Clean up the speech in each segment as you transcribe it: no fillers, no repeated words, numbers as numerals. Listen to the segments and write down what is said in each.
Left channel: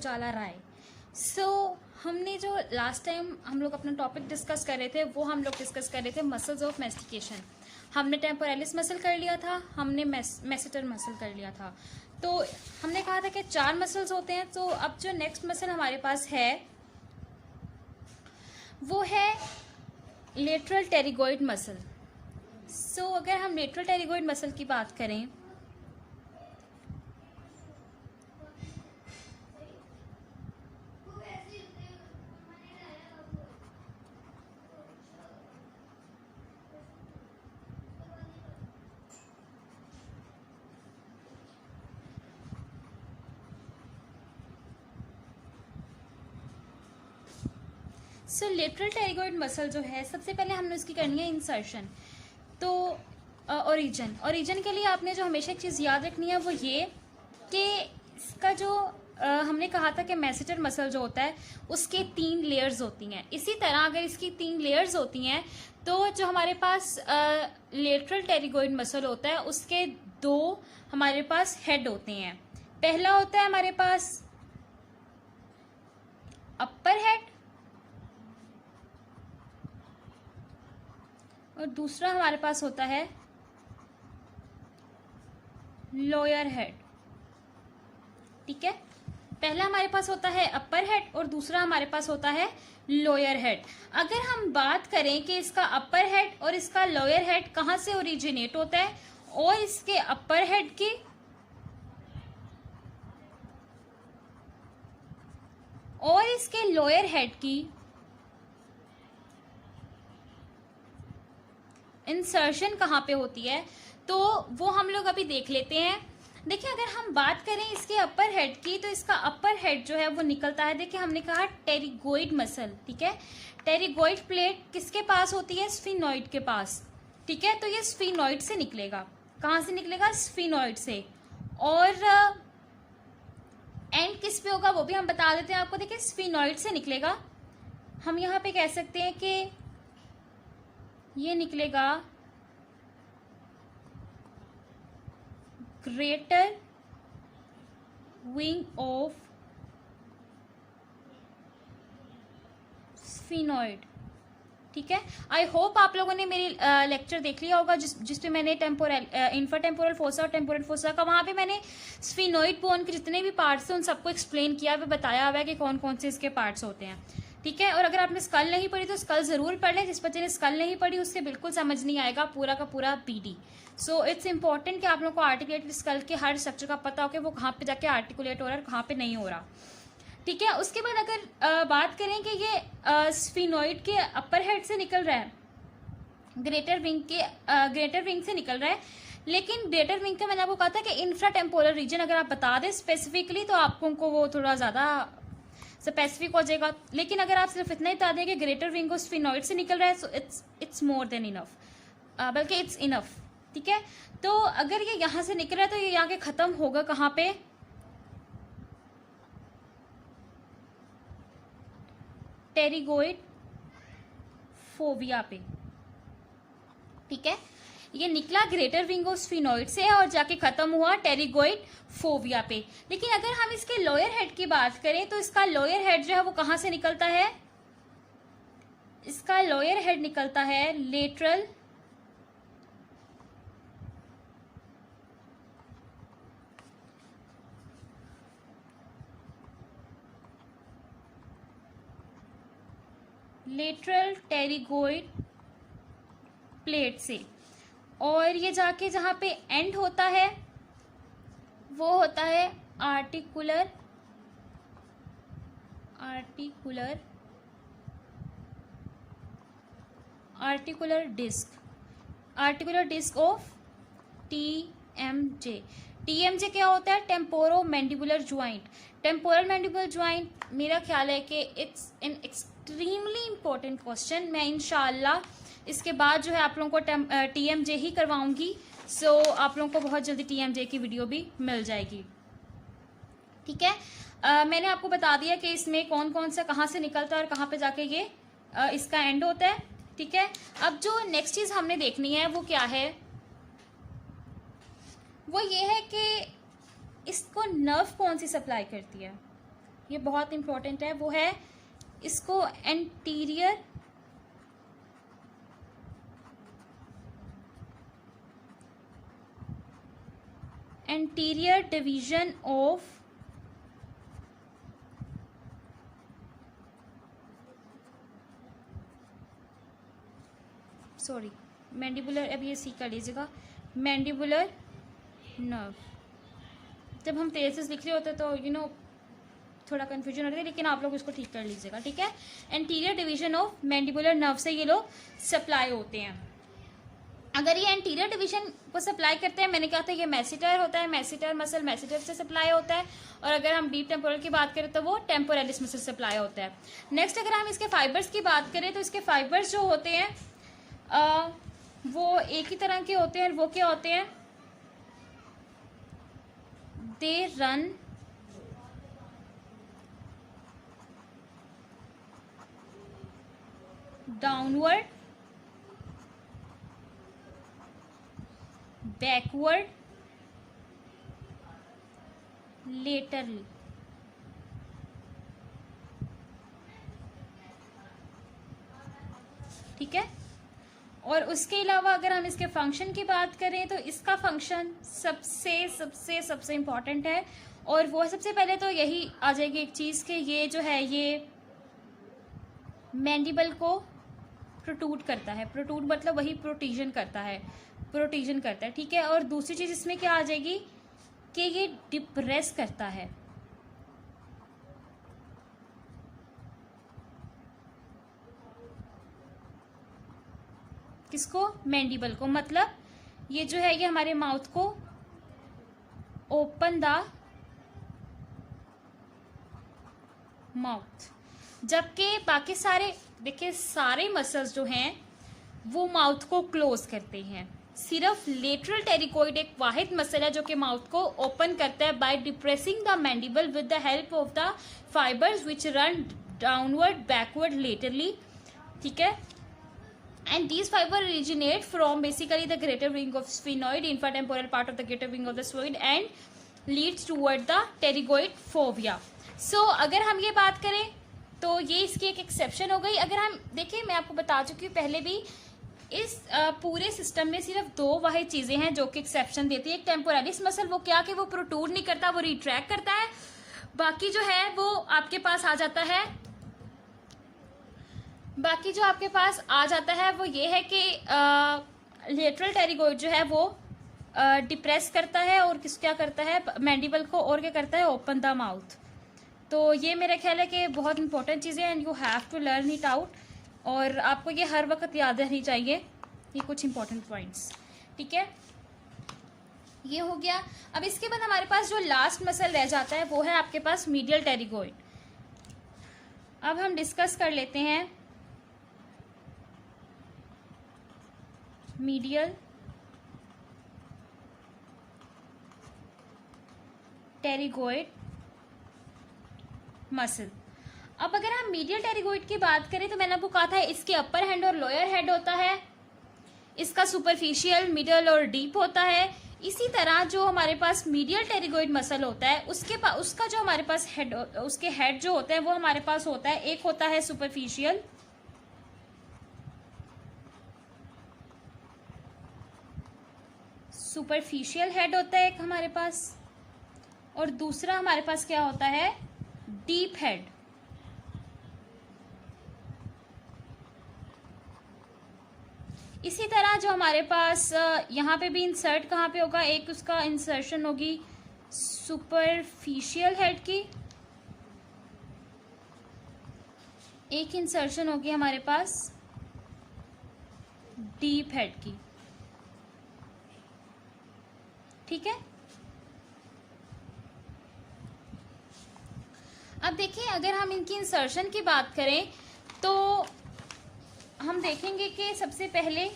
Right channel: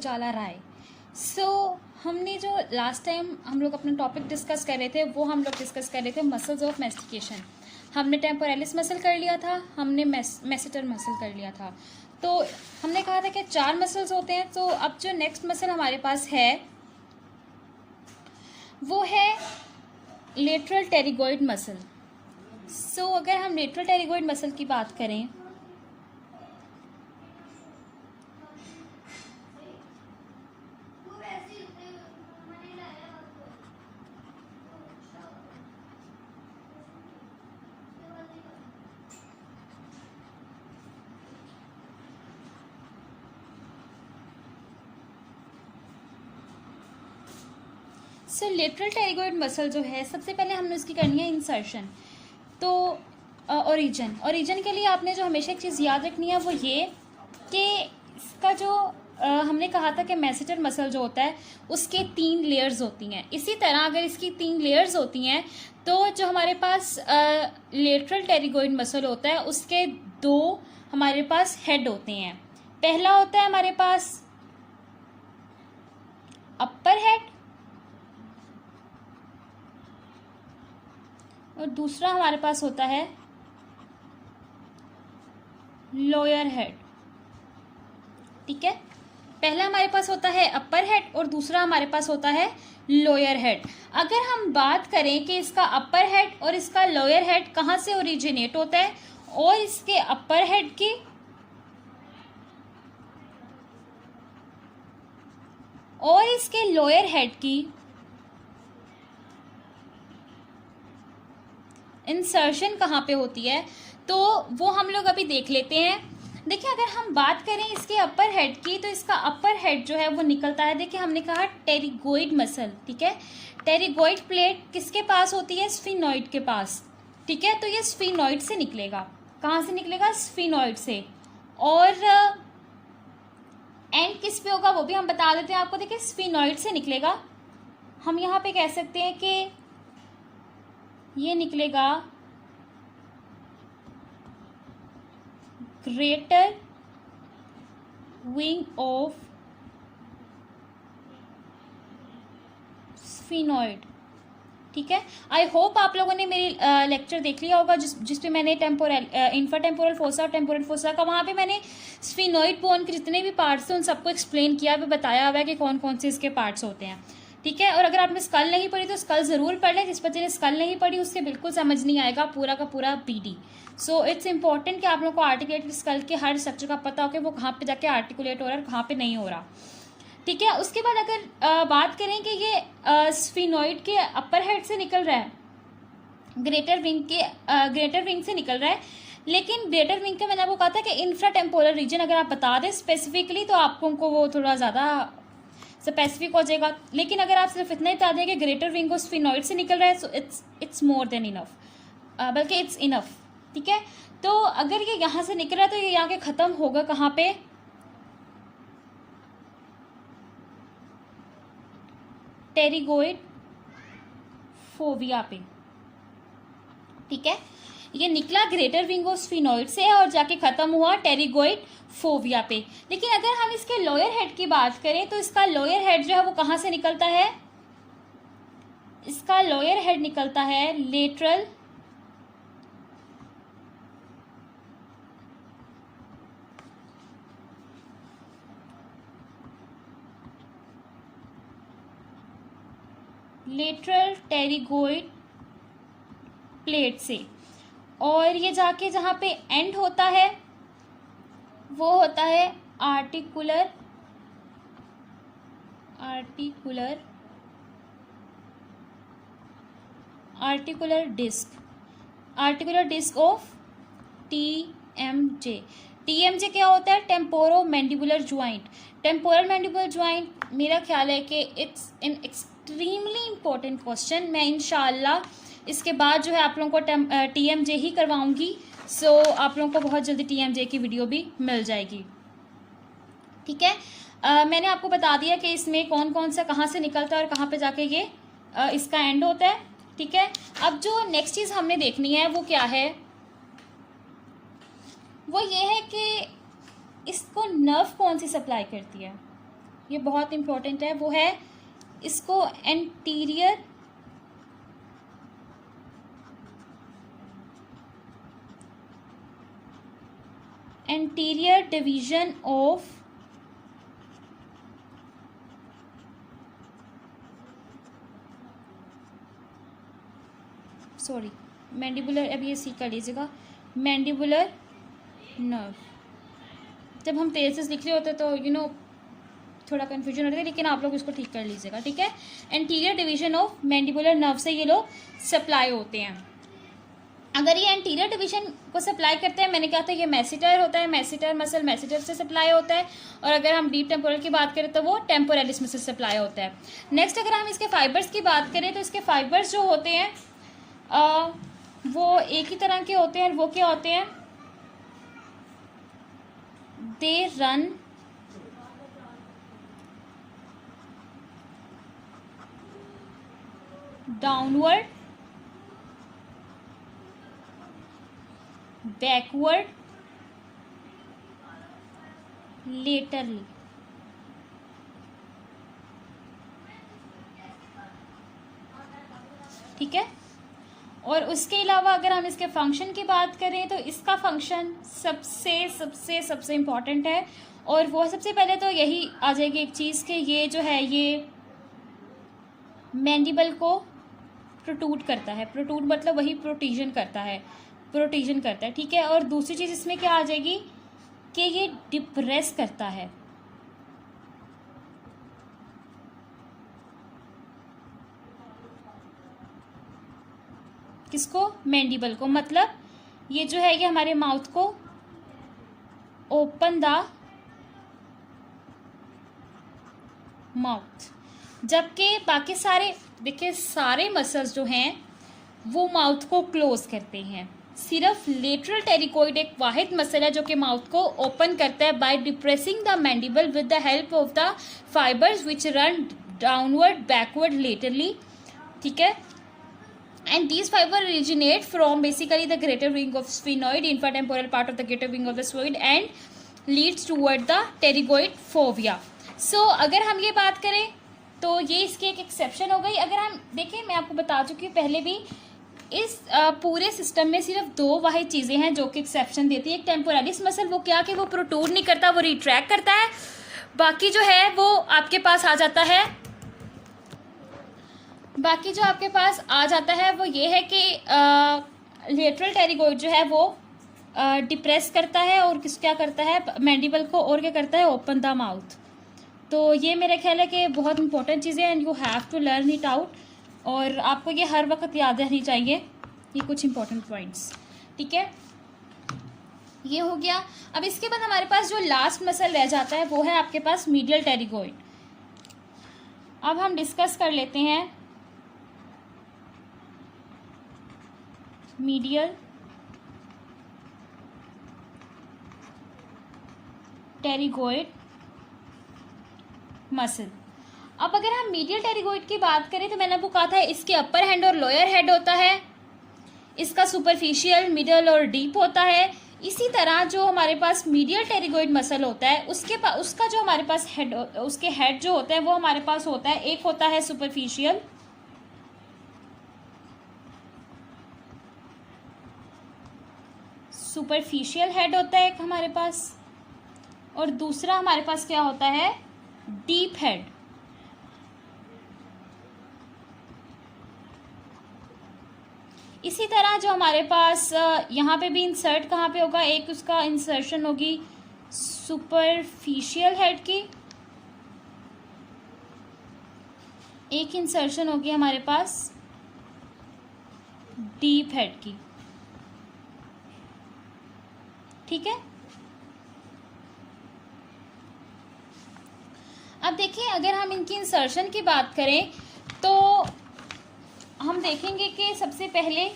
उजाला राय। हमने जो last time हम लोग अपना टॉपिक डिस्कस कर रहे थे वो हम लोग डिस्कस कर रहे थे मसल्स ऑफ मैस्टिकेशन। हमने टेम्पोरालिस मसल कर लिया था, हमने मैसेटर मसल कर लिया था। तो हमने कहा था कि 4 मसल्स होते हैं। तो अब जो नेक्स्ट मसल हमारे पास है वो है लेटरल टेरिगोइड मसल। अगर हम लेटरल टेरिगोइड मसल की बात करें लेटरल टेरिगोइड मसल जो है, सबसे पहले हमने उसकी करनी है इंसर्शन। तो ओरिजिन के लिए आपने जो हमेशा एक चीज़ याद रखनी है वो ये कि इसका जो हमने कहा था कि मैसेटर मसल जो होता है उसके 3 लेयर्स होती हैं। इसी तरह अगर इसकी 3 लेयर्स होती हैं तो जो हमारे पास लेटरल टेरिगोइड मसल होता है उसके 2 हमारे पास हेड होते हैं। पहला होता है हमारे पास अपर हेड और दूसरा हमारे पास होता है लोअर हेड। ठीक है, पहला हमारे पास होता है अपर हेड और दूसरा हमारे पास होता है लोअर हेड। अगर हम बात करें कि इसका अपर हेड और इसका लोअर हेड कहाँ से ओरिजिनेट होता है और इसके अपर हेड की और इसके लोअर हेड की इंसर्शन कहाँ पे होती है तो वो हम लोग अभी देख लेते हैं। देखिए, अगर हम बात करें इसके अपर हेड की तो इसका अपर हेड जो है वो निकलता है, देखिए हमने कहा टेरिगोइड मसल। ठीक है, टेरिगोइड प्लेट किसके पास होती है? स्फीनोइड के पास। ठीक है, तो ये स्फीनोइड से निकलेगा। कहाँ से निकलेगा? स्फीनोइड से। और एंड किस पे होगा वो भी हम बता देते हैं आपको। देखिए, स्फीनोइड से निकलेगा। हम यहाँ पे कह सकते हैं कि ये निकलेगा ग्रेटर विंग ऑफ स्फीनोइड। ठीक है, आई होप आप लोगों ने मेरी लेक्चर देख लिया होगा जिसपे मैंने इंफ्राटेम्पोरल फोसा और टेम्पोरल फोसा का, वहाँ पे मैंने स्फीनोइड बोन के जितने भी पार्ट्स हैं उन सबको एक्सप्लेन किया, भी बताया हुआ है कि कौन कौन से इसके पार्ट्स होते हैं। ठीक है, और अगर आपने स्कल नहीं पढ़ी तो स्कल जरूर पढ़ लें। जिस बच्चे ने स्कल नहीं पढ़ी उससे बिल्कुल समझ नहीं आएगा पूरा का पूरा पीडी। सो इट्स इंपॉर्टेंट कि आप लोग को आर्टिकुलेटेड स्कल के हर स्ट्रक्चर का पता हो कि वो कहाँ पे जाके आर्टिकुलेट हो रहा है और कहाँ पे नहीं हो रहा। ठीक है, उसके बाद अगर बात करें कि ये स्फीनोइड के अपर हेड से निकल रहा है, ग्रेटर विंग से निकल रहा है, लेकिन ग्रेटर विंग का मैंने आपको कहा था कि इंफ्राटेम्पोरल रीजन अगर आप बता दें स्पेसिफिकली तो आपको वो थोड़ा ज़्यादा स्पेसिफिक हो जाएगा। लेकिन अगर आप सिर्फ इतना ही बता दें कि ग्रेटर विंग स्फीनोइड से निकल रहा है, so it's more than enough, बल्कि इट्स इनफ। ठीक है, तो अगर ये यहाँ से निकल रहा है तो ये यहाँ के खत्म होगा कहाँ पे? टेरिगोइड फोविया पे। ठीक है, ये निकला ग्रेटर विंग स्फीनोइड से और जाके खत्म हुआ टेरिगोइड फोविया पे। लेकिन अगर हम इसके लोअर हेड की बात करें तो इसका लोअर हेड जो है वो कहाँ से निकलता है? इसका लोअर हेड निकलता है लेटरल टेरिगोइड प्लेट से, और ये जाके जहाँ पे एंड होता है वो होता है articular disc of TMJ. TMJ क्या होता है? Temporo mandibular joint. Temporal mandibular joint मेरा ख्याल है कि it's an extremely important question. मैं इंशाल्लाह इसके बाद जो है आप लोगों को टीएमजे ही करवाऊंगी। सो आप लोगों को बहुत जल्दी टीएमजे की वीडियो भी मिल जाएगी। ठीक है, मैंने आपको बता दिया कि इसमें कौन कौन सा कहाँ से निकलता है और कहाँ पे जाके ये इसका एंड होता है। ठीक है, अब जो नेक्स्ट चीज़ हमने देखनी है वो क्या है? वो ये है कि इसको नर्व कौन सी सप्लाई करती है? ये बहुत इंपॉर्टेंट है, वो है इसको एंटीरियर डिवीजन ऑफ मैंडिबुलर, अब ये सी कर लीजिएगा, मैंडिबुलर नर्व। जब हम तेज से लिख रहे होते तो थोड़ा कन्फ्यूजन होता है, लेकिन आप लोग इसको ठीक कर लीजिएगा, ठीक है। Anterior division of mandibular nerve से ये लोग सप्लाई होते हैं। अगर ये एंटीरियर डिवीजन को सप्लाई करते हैं, मैंने कहा था ये मैसेटर होता है, मैसेटर मसल मैसेटर से सप्लाई होता है, और अगर हम डीप टेम्पोरल की बात करें तो वो टेम्पोरलिस में से सप्लाई होता है। नेक्स्ट अगर हम इसके फाइबर्स की बात करें तो इसके फाइबर्स जो होते हैं वो एक ही तरह के होते हैं, और वो क्या होते हैं, they run downward, backward, laterally. ठीक है। और उसके अलावा अगर हम इसके फंक्शन की बात करें तो इसका फंक्शन सबसे सबसे सबसे इम्पॉर्टेंट है, और वो सबसे पहले तो यही आ जाएगी एक चीज़ कि ये जो है ये मैंडिबल को प्रोट्रूड करता है। प्रोट्रूड मतलब वही प्रोटीजन करता है, ठीक है। और दूसरी चीज़ इसमें क्या आ जाएगी कि ये डिप्रेस करता है। किसको? मैंडिबल को। मतलब ये जो है ये हमारे माउथ को ओपन द माउथ, जबकि बाकी सारे देखिए सारे मसल्स जो हैं वो माउथ को क्लोज करते हैं। सिर्फ लेटरल टेरिकोइड एक वाहिद मसल है जो कि माउथ को ओपन करता है by depressing the mandible with the help of the fibres which run downward, backward, laterally. ठीक है। And these fibers originate from basically the greater wing of sphenoid, infratemporal part of the greater wing of the sphenoid, and leads toward the pterygoid fovea. So अगर हम ये बात करें तो ये इसकी एक एक्सेप्शन हो गई। अगर हम देखिए, मैं आपको बता चुकी हूँ पहले भी, इस पूरे सिस्टम में सिर्फ दो वाहिद चीज़ें हैं जो कि एक्सेप्शन देती है। एक टेम्पोरलिस मसल, वो क्या कि वो प्रोट्रूड नहीं करता, वो रिट्रैक्ट करता है। बाकी जो है वो आपके पास आ जाता है, वो ये है कि लेटरल टेरिगोइड जो है वो डिप्रेस करता है और क्या करता है मैंडिबल को, और क्या करता है ओपन द माउथ। तो ये मेरा ख्याल है कि बहुत इंपॉर्टेंट चीज़ें हैं, and you have to learn it out, और आपको ये हर वक्त याद रहनी चाहिए ये कुछ इंपॉर्टेंट पॉइंट्स। ठीक है, ये हो गया। अब इसके बाद हमारे पास जो लास्ट मसल रह जाता है वो है आपके पास मीडियल टेरिगोइड। अब हम डिस्कस कर लेते हैं मीडियल टेरिगोइड मसल। अब अगर हम मीडियल टेरिगोइड की बात करें तो मैंने आपको कहा था इसके अपर हैंड और लोअर हेड होता है, इसका सुपरफिशियल, मिडल और डीप होता है। इसी तरह जो हमारे पास मीडियल टेरिगोइड मसल होता है उसका जो हमारे पास हेड, उसके हेड जो होता है वो हमारे पास होता है, एक होता है सुपरफिशियल, हेड होता है एक हमारे पास, और दूसरा हमारे पास क्या होता है डीप हेड। इसी तरह जो हमारे पास यहाँ पे भी इंसर्ट कहाँ पे होगा, एक उसका इंसर्शन होगी सुपरफिशियल हेड की, एक इंसर्शन होगी हमारे पास डीप हेड की। ठीक है। अब देखिए, अगर हम इनकी इंसर्शन की बात करें तो हम देखेंगे कि सबसे पहले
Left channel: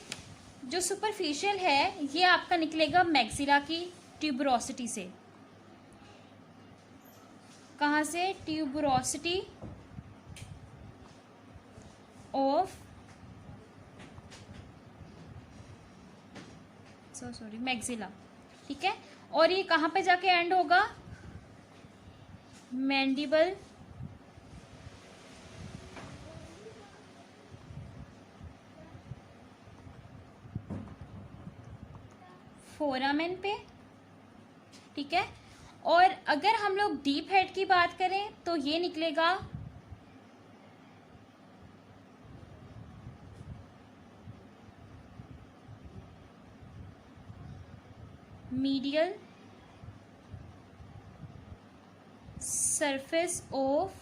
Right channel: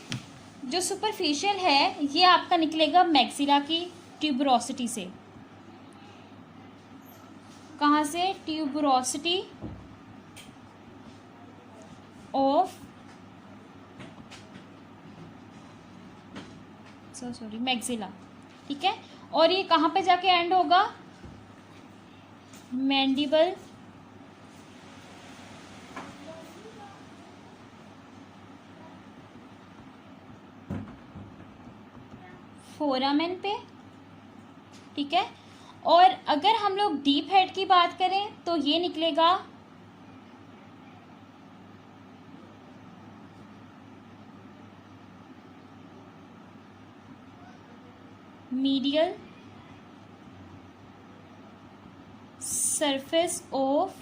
जो सुपरफिशियल है ये आपका निकलेगा मैक्सिला की ट्यूबरोसिटी से। कहाँ से? Tuberosity of maxilla. ठीक है। और ये कहाँ पे जाके एंड होगा? मैंडिबल फोरामेन पे, ठीक है। और अगर हम लोग डीप हेड की बात करें तो ये निकलेगा medial surface of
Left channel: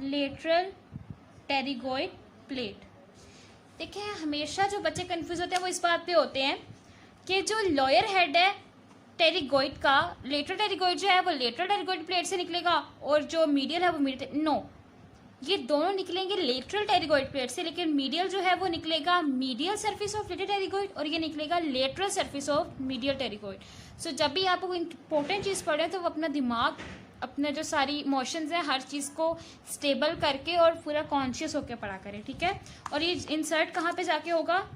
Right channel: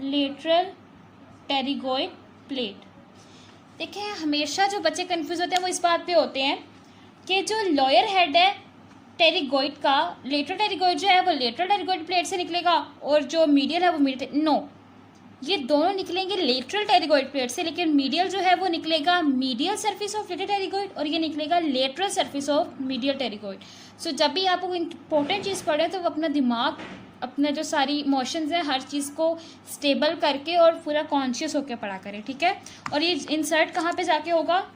lateral pterygoid plate. देखिए, हमेशा जो बच्चे कंफ्यूज होते हैं वो इस बात पे होते हैं कि जो लोअर हेड है टेरिगोइड का, लेटरल टेरिगोइड जो है वो लेटरल टेरिगोइड प्लेट से निकलेगा और जो मीडियल है वो मीडियल, नो, ये दोनों निकलेंगे लेटरल टेरिगोइड प्लेट से, लेकिन मीडियल जो है वो निकलेगा medial surface of lateral pterygoid और ये निकलेगा lateral surface of medial pterygoid. So जब भी आप इंपॉर्टेंट चीज़ पढ़े तो वो अपना दिमाग, अपना जो सारी इमोशंस हैं, हर चीज़ को स्टेबल करके और पूरा कॉन्शियस होकर पढ़ा करें, ठीक है। और ये इंसर्ट कहाँ पे जाके होगा,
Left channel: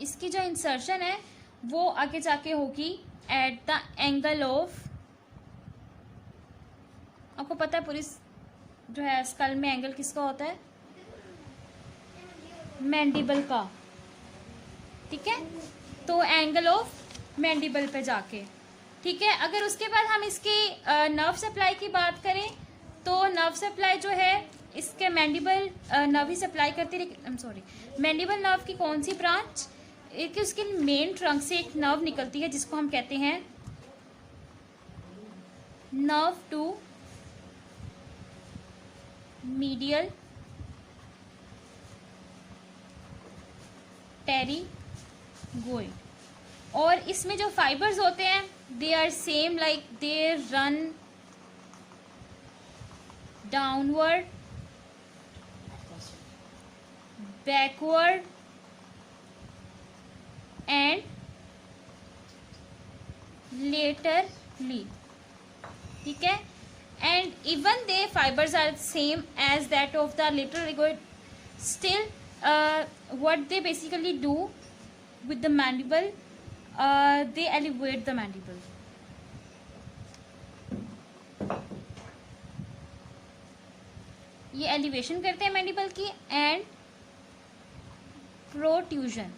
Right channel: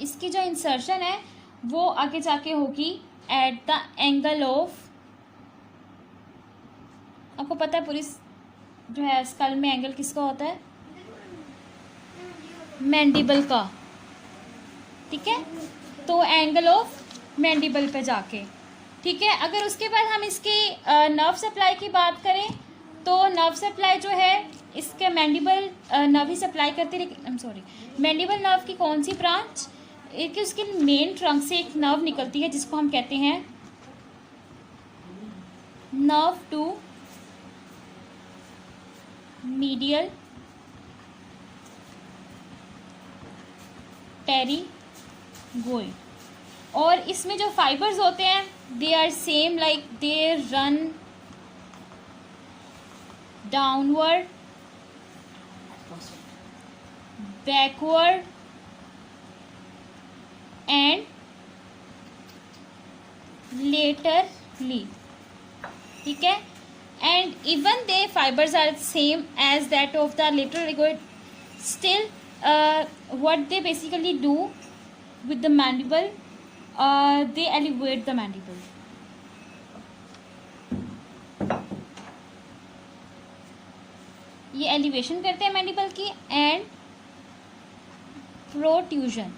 इसकी जो इंसर्शन है वो आगे जाके होगी एट द एंगल ऑफ, आपको पता है पूरी जो है स्कल में एंगल किसका होता है, मैंडिबल का, ठीक है। तो एंगल ऑफ मैंडिबल पे जाके, ठीक है। अगर उसके बाद हम इसकी नर्व सप्लाई की बात करें तो नर्व सप्लाई जो है इसके मैंडिबल नर्व ही सप्लाई करती है, लेकिन मैंडिबल नर्व की कौन सी ब्रांच, एक उसके मेन ट्रंक से एक नर्व निकलती है जिसको हम कहते हैं नर्व टू मीडियल टेरिगोइड। और इसमें जो फाइबर्स होते हैं they are same, like they run downward, backward and laterally, ठीक है। and even they fibers are same as that of the lateral terigoid, still what they basically do with the mandible, they elevate the mandible, ये elevation करते हैं mandible की and प्रोट्यूजन।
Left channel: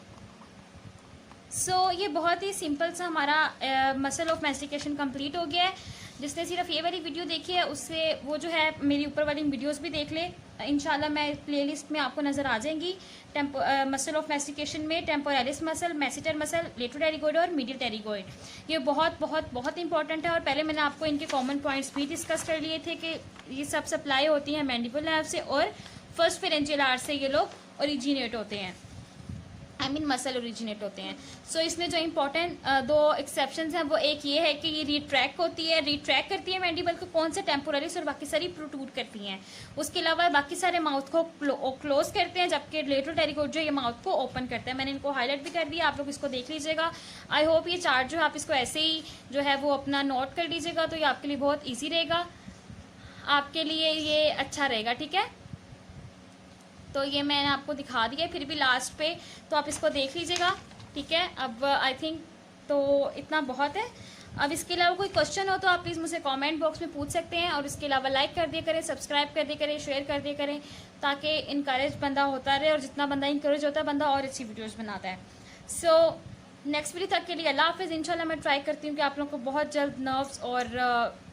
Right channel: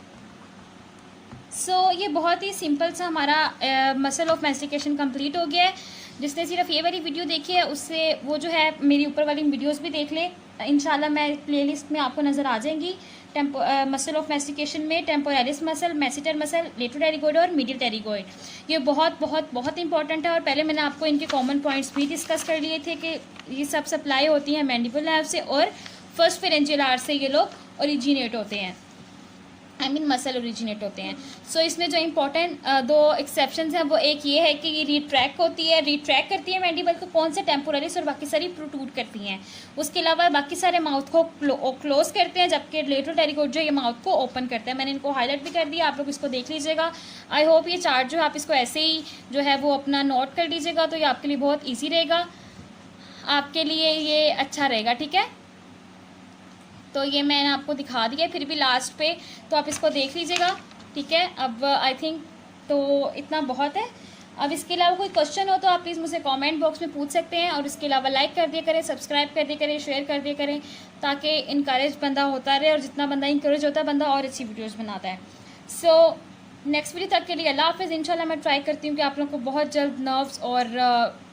सो ये बहुत ही simple सा हमारा मसल ऑफ मैस्टिकेशन कंप्लीट हो गया है। जिसने सिर्फ ये वाली वीडियो देखी है उससे वो जो है मेरी ऊपर वाली वीडियोस भी देख ले, इंशाल्लाह मैं प्लेलिस्ट में आपको नज़र आ जाएंगी। मसल ऑफ मैस्टिकेशन में temporalis muscle, masseter muscle, lateral pterygoid और मीडियल टेरिगोइड, ये बहुत बहुत बहुत इंपॉर्टेंट है। और पहले मैंने आपको इनके कॉमन पॉइंट्स भी डिस्कस कर लिए थे कि ये सब सप्लाई होती हैं मैंडिबल नर्व से और फर्स्ट फेरेंजियल आर्ट से ये लोग ओरिजिनेट होते हैं, आई मीन मसल ओरिजिनेट होते हैं। सो इसमें जो इंपॉर्टेंट दो एक्सेप्शंस हैं वो एक ये है कि ये रिट्रैक्ट होती है, रिट्रैक्ट करती है मैंडिबल को, कौन से टेम्पोरलिस, और बाकी सारी प्रोट्रूड करती हैं। उसके अलावा बाकी सारे माउथ को क्लोज करते हैं, जबकि लेटरल टेरिगोइड जो ये माउथ को ओपन करता है। मैंने इनको हाईलाइट भी कर दिया, आप लोग इसको देख लीजिएगा। आई होप ये चार्ट जो है आप इसको ऐसे ही जो है वो अपना नोट कर लीजिएगा, तो ये आपके लिए बहुत ईजी रहेगा, आपके लिए ये अच्छा रहेगा, ठीक है। तो ये मैंने आपको दिखा दिया फिर भी लास्ट पे, तो आप इसको देख लीजिएगा, ठीक है। अब आई थिंक तो इतना बहुत है। अब इसके अलावा कोई क्वेश्चन हो तो आप प्लीज़ मुझे कमेंट बॉक्स में पूछ सकते हैं, और इसके अलावा लाइक कर दिया करें, सब्सक्राइब कर दिया करें, शेयर कर दिया करें, ताकि इनकरेज बंदा होता रहे, और जितना बंदा इंकरेज होता है बंदा और अच्छी वीडियोज़ बनाता है। सो नेक्स्ट वीडियो तक के लिए अल्लाह हाफ़िज़। इंशाल्लाह मैं ट्राई करती हूँ कि आप लोगों को बहुत जल्द नर्व्स और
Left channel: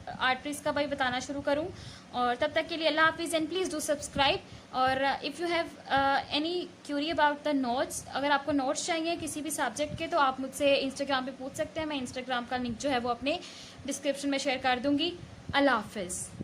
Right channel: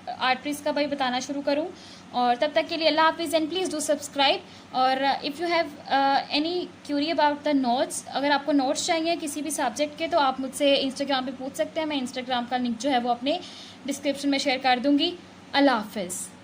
आर्टरीज का भाई बताना शुरू करूँ, और तब तक के लिए अल्लाह हाफिज़ एंड प्लीज़ डू सब्सक्राइब। और if you have any Curie about the notes, अगर आपको नोट्स चाहिए किसी भी सब्जेक्ट के तो आप मुझसे इंस्टाग्राम पे पूछ सकते हैं। मैं इंस्टाग्राम का लिंक जो है वो अपने डिस्क्रिप्शन में शेयर कर दूँगी। अल्लाह हाफिज़।